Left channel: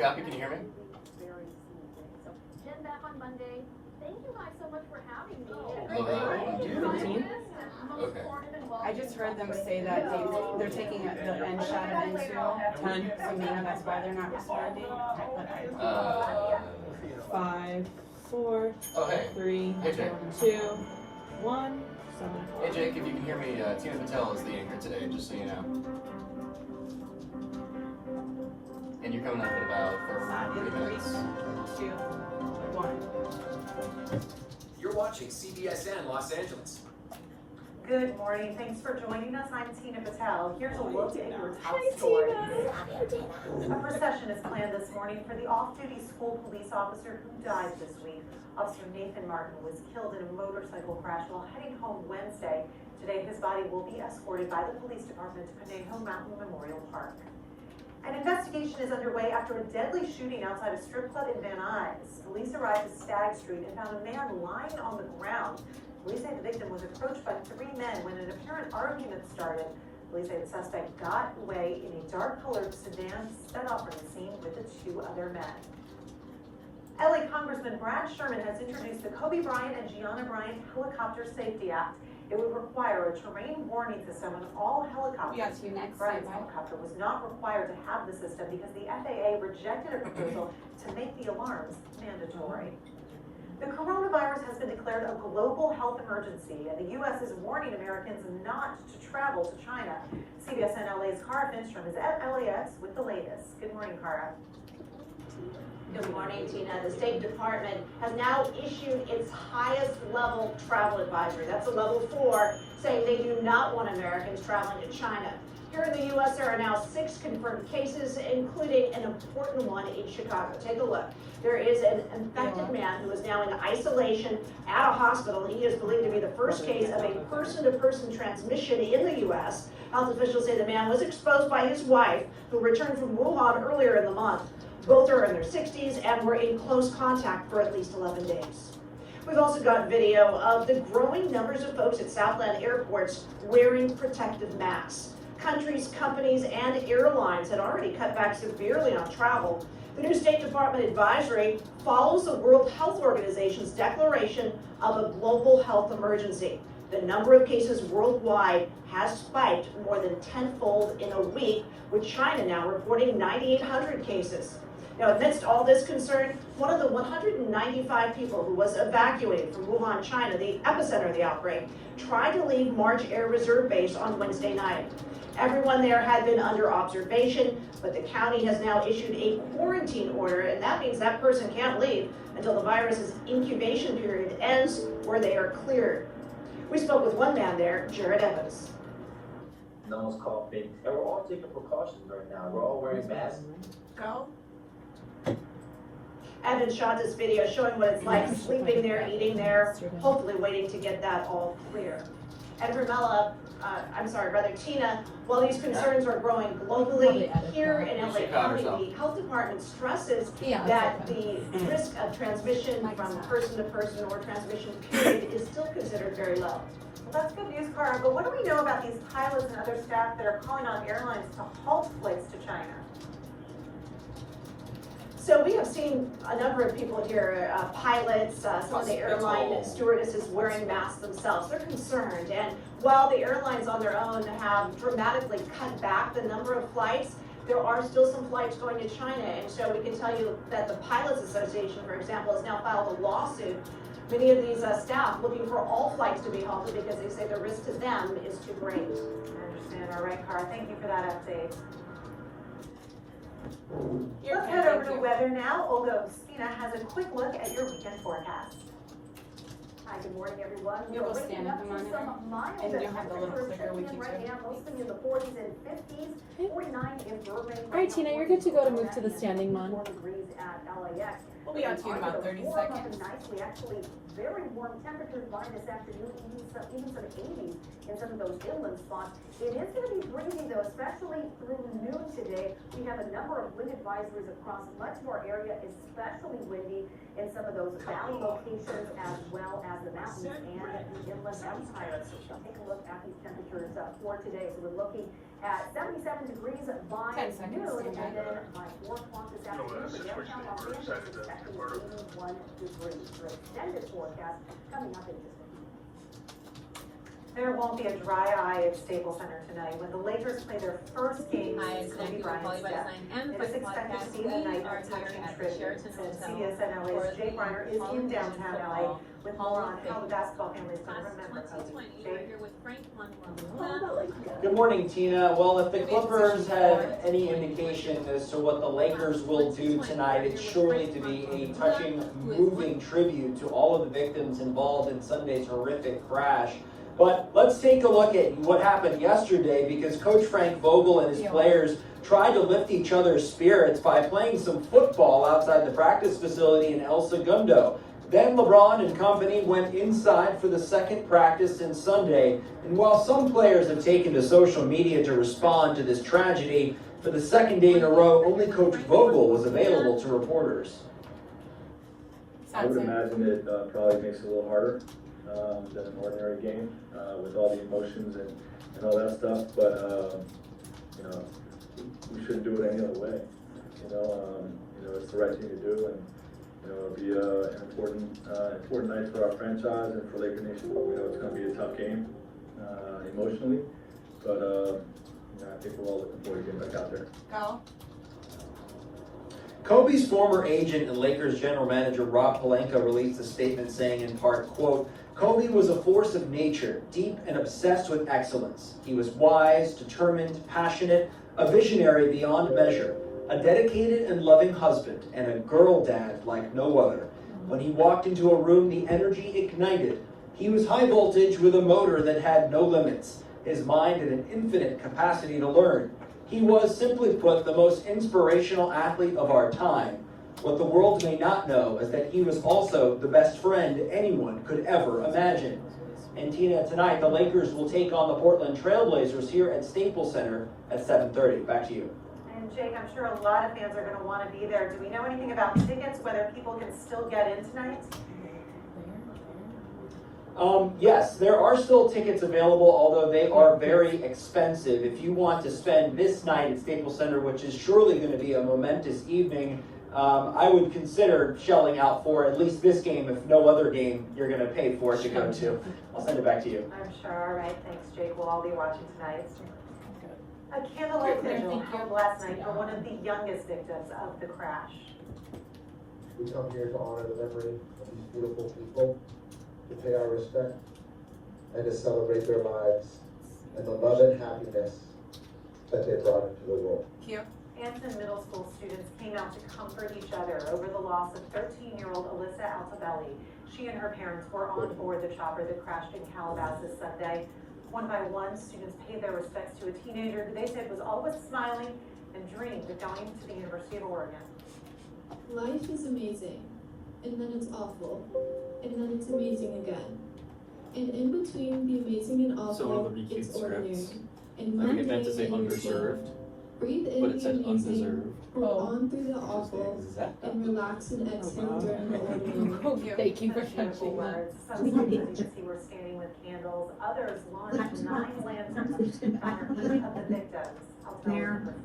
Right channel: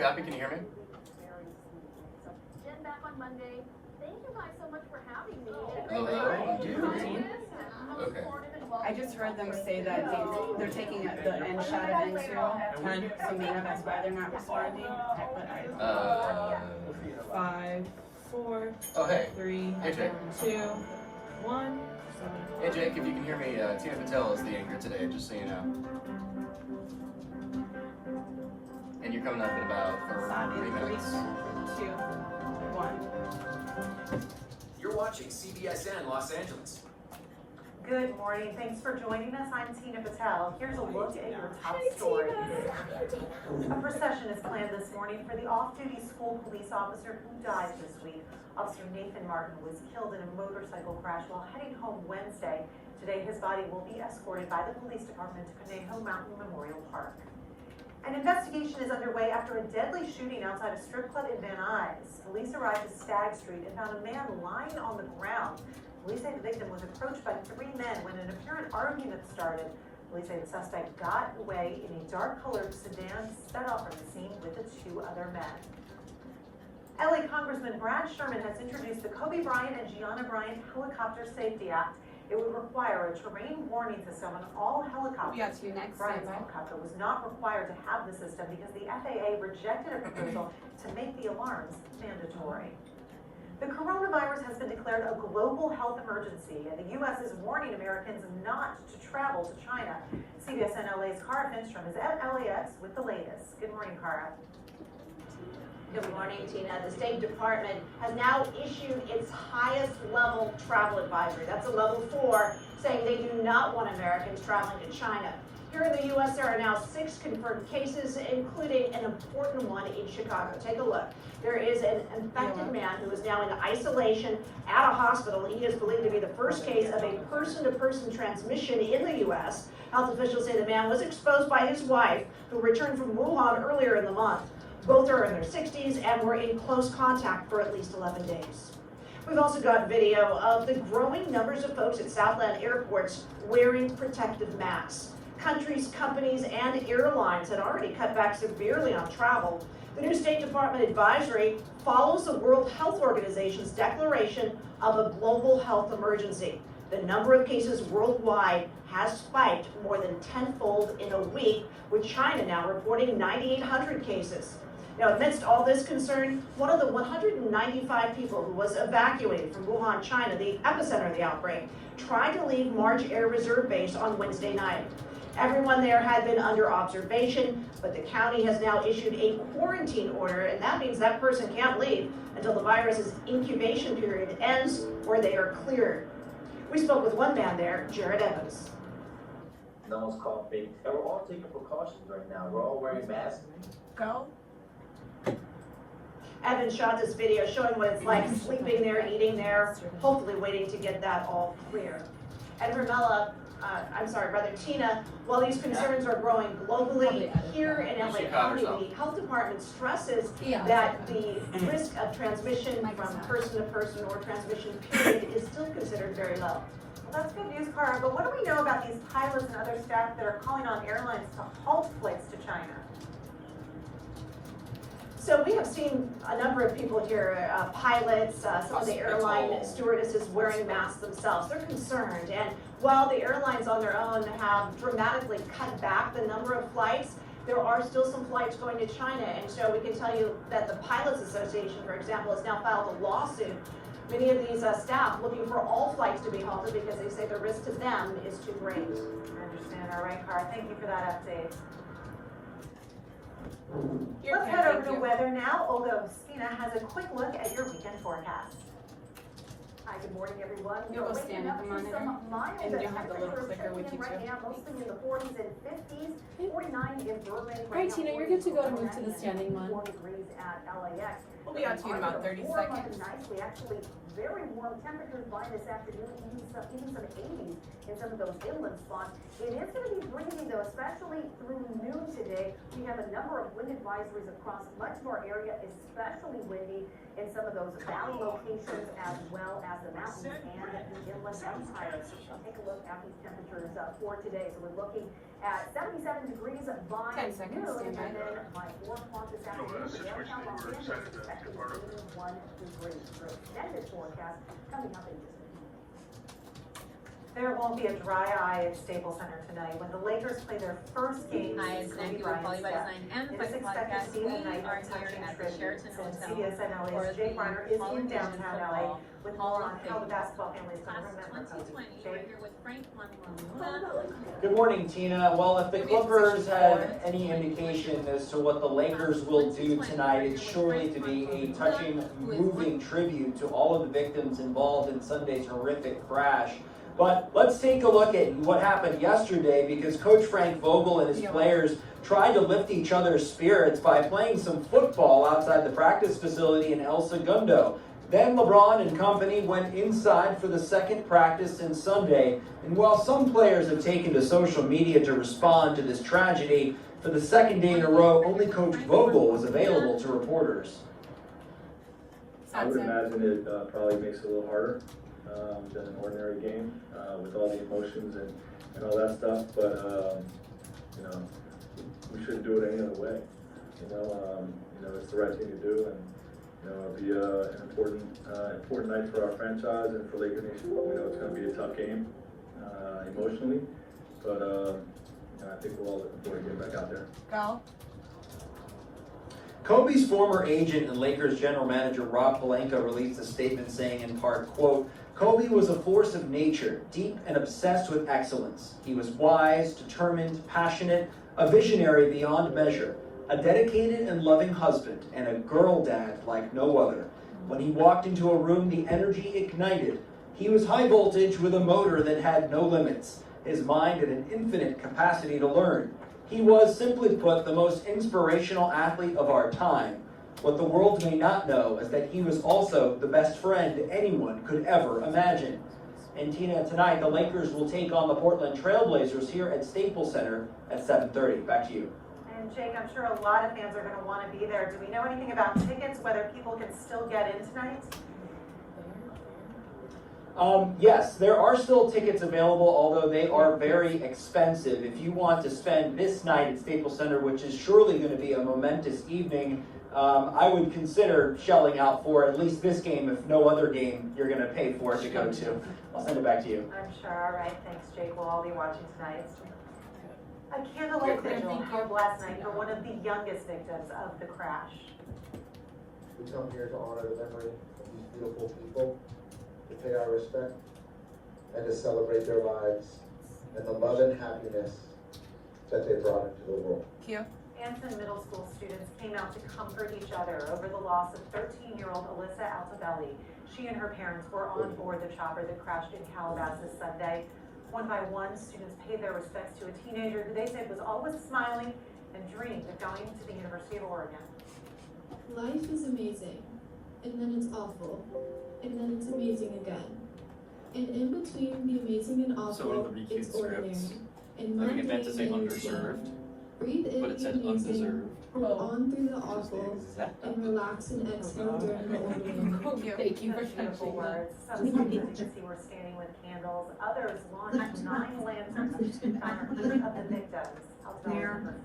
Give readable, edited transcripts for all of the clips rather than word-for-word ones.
copy? Can you hear me? Jen back on Monday. Thank you guys so much for having me. Hello. 15? Okay. I just heard them say that they're taking the end shot of into 10, so maybe that's why they're not responding. But 5, 4, Oh, hey. 3, Hey, Jake. 2, 1. Hey, Jake, if you can hear me, Tina Patel is the anchor today, just so you know. And you're coming up in about 3 minutes. 2, 1. You're watching CBSN Los Angeles. Good morning. Thanks for joining us. I'm Tina Patel. Here's a look at your top stories. A procession is planned this morning for the off-duty school police officer who died this week. Officer Nathan Martin was killed in a motorcycle crash while heading home Wednesday. Today, his body will be escorted by the police department to Conejo Mountain Memorial Park. An investigation is underway after a deadly shooting outside a strip club in Van Nuys. Police arrived at Stagg Street and found a man lying on the ground. Police say the victim was approached by 3 men when an apparent argument started. Police say the suspect got away in a dark-colored sedan, sped off from the scene with the 2 other men. LA Congressman Brad Sherman has introduced the Kobe Bryant and Gianna Bryant Helicopter Safety Act. It would require a terrain warning system on all helicopters. We got to next. Bryant's helicopter was not required to have the system because the FAA rejected a proposal to make the alarms mandatory. The coronavirus has been declared a global health emergency, and the U.S. is warning Americans not to travel to China. CBSN LA's Cara Finstrom is at LAX with the latest. Good morning, Cara. Good morning, Tina. The State Department has now issued its highest level travel advisory. That's a level 4, saying they do not want Americans traveling to China. Here in the U.S., there are now 6 confirmed cases, including an important one in Chicago. Take a look. There is an infected man who is now in isolation at a hospital. He is believed to be the first case of a person-to-person transmission in the U.S. Health officials say the man was exposed by his wife, who returned from Wuhan earlier in the month. Both are in their 60s and were in close contact for at least 11 days. We've also got video of the growing numbers of folks at Southland airports wearing protective masks. Countries, companies, and airlines had already cut back severely on travel. The new State Department advisory follows the World Health Organization's declaration of a global health emergency. The number of cases worldwide has spiked more than tenfold in a week, with China now reporting 9,800 cases. Now, amidst all this concern, one of the 195 people who was evacuated from Wuhan, China, the epicenter of the outbreak, tried to leave March Air Reserve Base on Wednesday night. Everyone there had been under observation, but the county has now issued a quarantine order, and that means that person can't leave until the virus's incubation period ends or they are cleared. We spoke with one man there, Jared Evans. No one's coughing. And we're all taking precautions right now. We're all wearing masks. Go. Evans shot this video showing what it's like sleeping there, eating there, hopefully waiting to get that all clear. And Tina, while these concerns are growing globally, here in LA County, the health department stresses that the risk of transmission from person to person or transmission period is still considered very low. Well, that's good news, Cara, but what do we know about these pilots and other staff that are calling on airlines to halt flights to China? So we have seen a number of people here, pilots, some of the airline stewardesses wearing masks themselves. They're concerned, and while the airlines on their own have dramatically cut back the number of flights, there are still some flights going to China. And so we can tell you that the Pilots Association, for example, has now filed a lawsuit. Many of these staff looking for all flights to be halted because they say the risk to them is too great. I understand. All right, Cara, thank you for that update. Let's head over to weather now. Olga Ospina has a quick look at your weekend forecast. Hi, good morning, everyone. You'll go stand at the monitor, and you'll have the little clicker with you too. Right now, mostly in the 40s and 50s, 49 in Burbank. All right, Tina, you're good to go to move to the standing one. 4 degrees at LAX. We'll be on to you in about 30 seconds. Nicely, actually, very warm temperatures by this afternoon, even some 80s in some of those inland spots. It is going to be breezy, though, especially through noon today. We have a number of wind advisories across much of our area, especially windy in some of those valley locations as well as the mountains and the inland empire. So we'll take a look at these temperatures for today. So we're looking at 77 degrees by 10 seconds, noon, and stand then by 4 o'clock this this afternoon. Downtown Los Angeles is expected to be 1 degree. Your extended forecast coming up in just a few minutes. There won't be a dry eye at Staples Center tonight when the Lakers play their first game Hi, since it's Kobe Nancy with Bryant's Poly by death. Design and the It is Flex expected Podcast. to be We a night are of here touching at the tribute. Sheraton And Hotel CBSN for LA's Jake the Reiner is Hall in of Fame downtown LA football with Hall more of on Fame. how the basketball family is going to Class remember Kobe. 2020, we're Jake? here with Frank Montemurro. Good morning, Tina. Well, if the Clippers have any indication as to what the Lakers will do tonight, it's surely to be a touching, moving tribute to all of the victims involved in Sunday's horrific crash. But let's take a look at what happened yesterday, because Coach Frank Vogel and his players tried to lift each other's spirits by playing some football outside the practice facility in El Segundo. Then LeBron and company went inside for the second practice since Sunday. And while some players have taken to social media to respond to this tragedy, for the second day in a row, only Coach Vogel was available to reporters. I would imagine it probably makes it a little harder than an ordinary game with all the emotions and all that stuff. But you know, we shouldn't do it any other way. You know, it's the right thing to do, and you know, it'll be an important night for our franchise and for Laker Nation. You know, it's going to be a tough game emotionally, but I think we're all looking forward to getting back out there. Go. Kobe's former agent and Lakers general manager Rob Pelinka released a statement saying in part, quote, "Kobe was a force of nature, deep and obsessed with excellence. He was wise, determined, passionate, a visionary beyond measure, a dedicated and loving husband, and a girl dad like no other. When he walked into a room, the energy ignited. He was high voltage with a motor that had no limits. His mind had an infinite capacity to learn. He was, simply put, the most inspirational athlete of our time. What the world may not know is that he was also the best friend anyone could ever imagine." And Tina, tonight the Lakers will take on the Portland Trailblazers here at Staples Center at 7:30. Back to you. And Jake, I'm sure a lot of fans are going to want to be there. Do we know anything about tickets, whether people can still get in tonight? Yes, there are still tickets available, although they are very expensive. If you want to spend this night at Staples Center, which is surely going to be a momentous evening, I would consider shelling out for at least this game, if no other game you're going to pay for it to go to. I'll send it back to you. I'm sure. All right. Thanks, Jake. We'll all be watching tonight. A candlelight vigil held last night for one of the youngest victims of the crash. We come here to honor the memory of these beautiful people, to pay our respect, and to celebrate their lives and the love and happiness that they brought into the world. Q. Anson Middle School students came out to comfort each other over the loss of 13-year-old Alyssa Altobelli. She and her parents were on board the chopper that crashed in Calabasas Sunday. One by one, students paid their respects to a teenager who they said was always smiling and dreamed of going to the University of Oregon. Life is amazing, and then it's awful, and then it's amazing again. And in between the amazing and awful, So one of the BQ it's ordinary. scripts, And I one think it meant to day say it is underserved, gone. Breathe in but it said the amazing, undeserved. hold on through the awful, and relax and exhale during the ordinary. Thank you for Beautiful catching that. words. Some students, you can see, were standing with candles. Others launched 9 lanterns to honor each of the victims.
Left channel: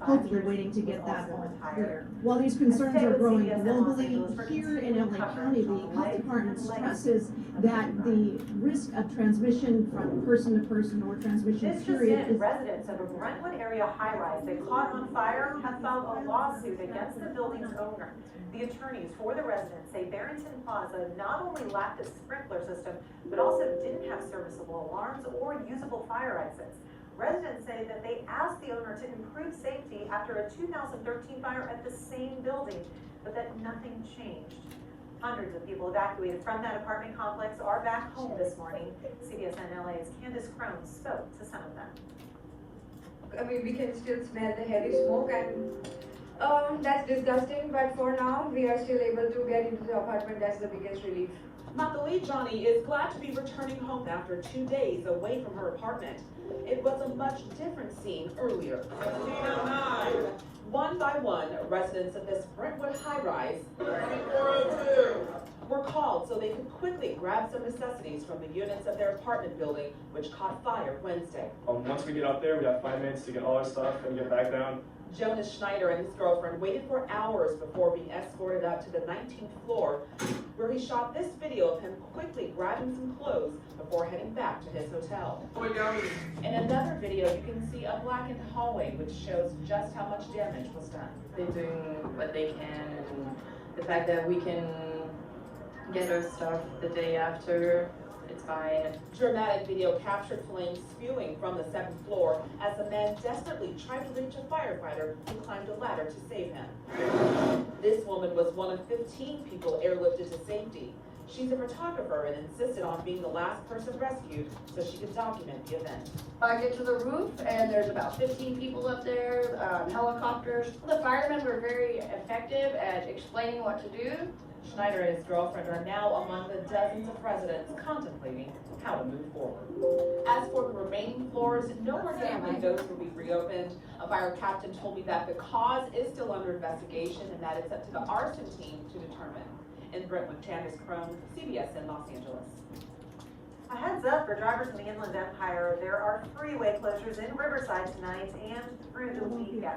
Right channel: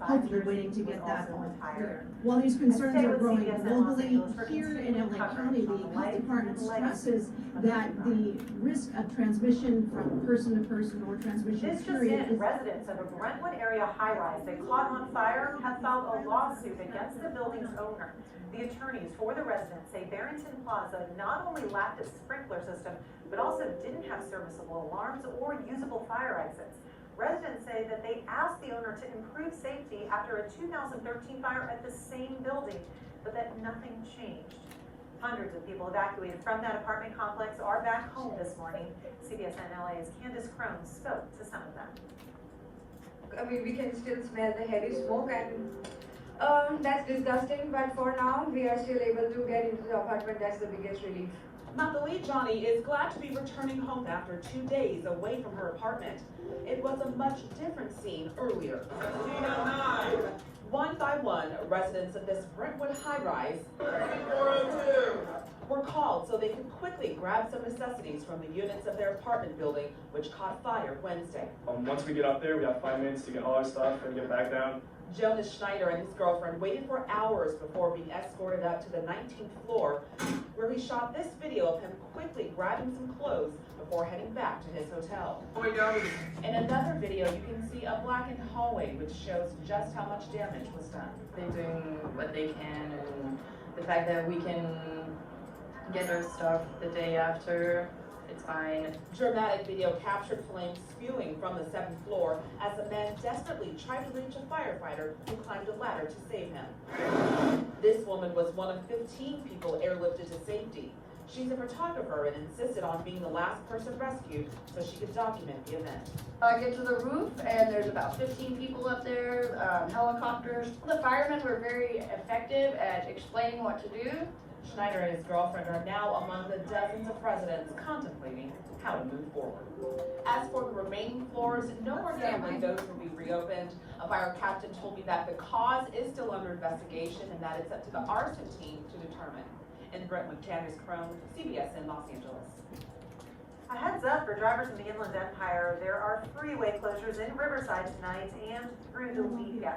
Hope you're waiting to get that also one. retired. While these concerns Stay are with growing CBSN Los globally, Angeles for here in continued LA coverage County, the on the health life, department legacy, stresses that the risk of transmission from person to person or transmission This just period in, is residents of a Brentwood area high-rise that caught on fire have filed a lawsuit against the building's owner. The attorneys for the residents say Barrington Plaza not only lacked a sprinkler system, but also didn't have serviceable alarms or usable fire exits. Residents say that they asked the owner to improve safety after a 2013 fire at the same building, but that nothing changed. Hundreds of people evacuated from that apartment complex are back home this morning. CBSN LA's Candace Crone spoke to some of them. I mean, we can still smell the heavy smoke, and that's disgusting, but for now, we are still able to get into the apartment. That's the biggest relief. Nathalie Johnny is glad to be returning home after 2 days away from her apartment. It was a much different scene earlier. One by one, residents of this Brentwood high-rise were called so they could quickly grab some necessities from the units of their apartment building, which caught fire Wednesday. Once we get up there, we have 5 minutes to get all our stuff and get back down. Jonas Schneider and his girlfriend waited for hours before being escorted up to the 19th floor, where he shot this video of him quickly grabbing some clothes before heading back to his hotel. In another video, you can see a blackened hallway, which shows just how much damage was done. They're doing what they can, and the fact that we can get our stuff the day after, it's fine. Dramatic video captured flames spewing from the 7th floor as the man desperately tried to reach a firefighter who climbed a ladder to save him. This woman was one of 15 people airlifted to safety. She's a photographer and insisted on being the last person rescued so she could document the event. I get to the roof and there's about 15 people up there, helicopters. The firemen were very effective at explaining what to do. Schneider and his girlfriend are now among the dozens of residents contemplating how to move forward. As for the remaining floors, no more gambling windows will be reopened. A fire captain told me that the cause is still under investigation and that it's up to the arson team to determine. In Brentwood, Candace Crone, CBSN Los Angeles. A heads up for drivers in the Inland Empire, there are freeway closures in Riverside tonight and through the weekend.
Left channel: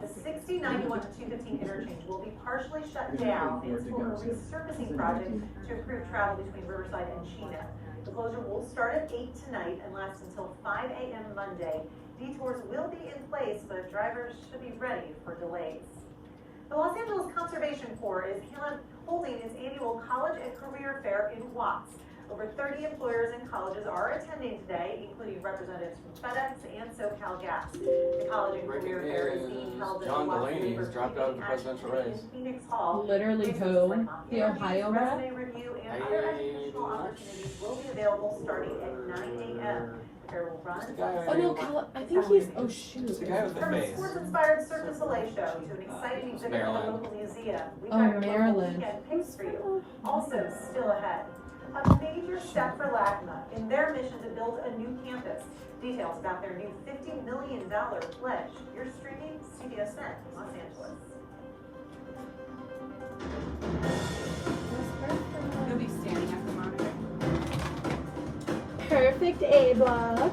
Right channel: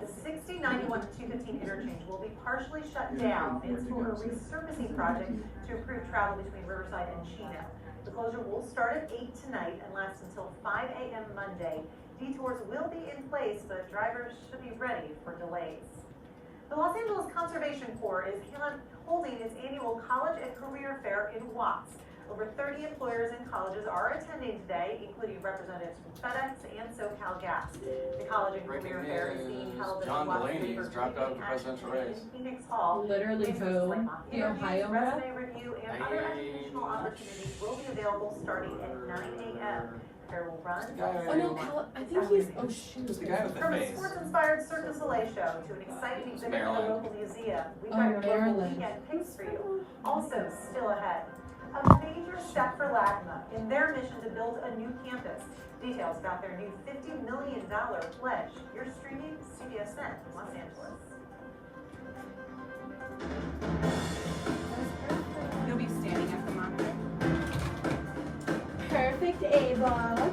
The 6091 to 215 interchange will be partially shut down. It's for a resurfacing project to improve travel between Riverside and Chino. The closure will start at 8 tonight and last until 5 a.m. Monday. Detours will be in place, but drivers should be ready for delays. The Los Angeles Conservation Corps is holding its annual College and Career Fair in Watts. Over 30 employers and colleges are attending today, including representatives from FedEx and SoCal Gas. The College and Career Fair is being held at John the Watts Delaney has dropped out of the presidential race. in Phoenix Hall. Literally who? The Ohio rep? Resume review and other educational opportunities will be available starting at 9 a.m. The fair will run. Oh no, I think he's, oh shoot. The guy with the From a face. sports-inspired Cirque du Soleil show to an exciting exhibit at the Maryland. local museum, we Oh, have your local Maryland. weekend picks for you. Also, still ahead, a major step for LACMA in their mission to build a new campus. Details about their new $50 million pledge. You're streaming CBSN Los Angeles. You'll be standing at the monitor. Perfect A block.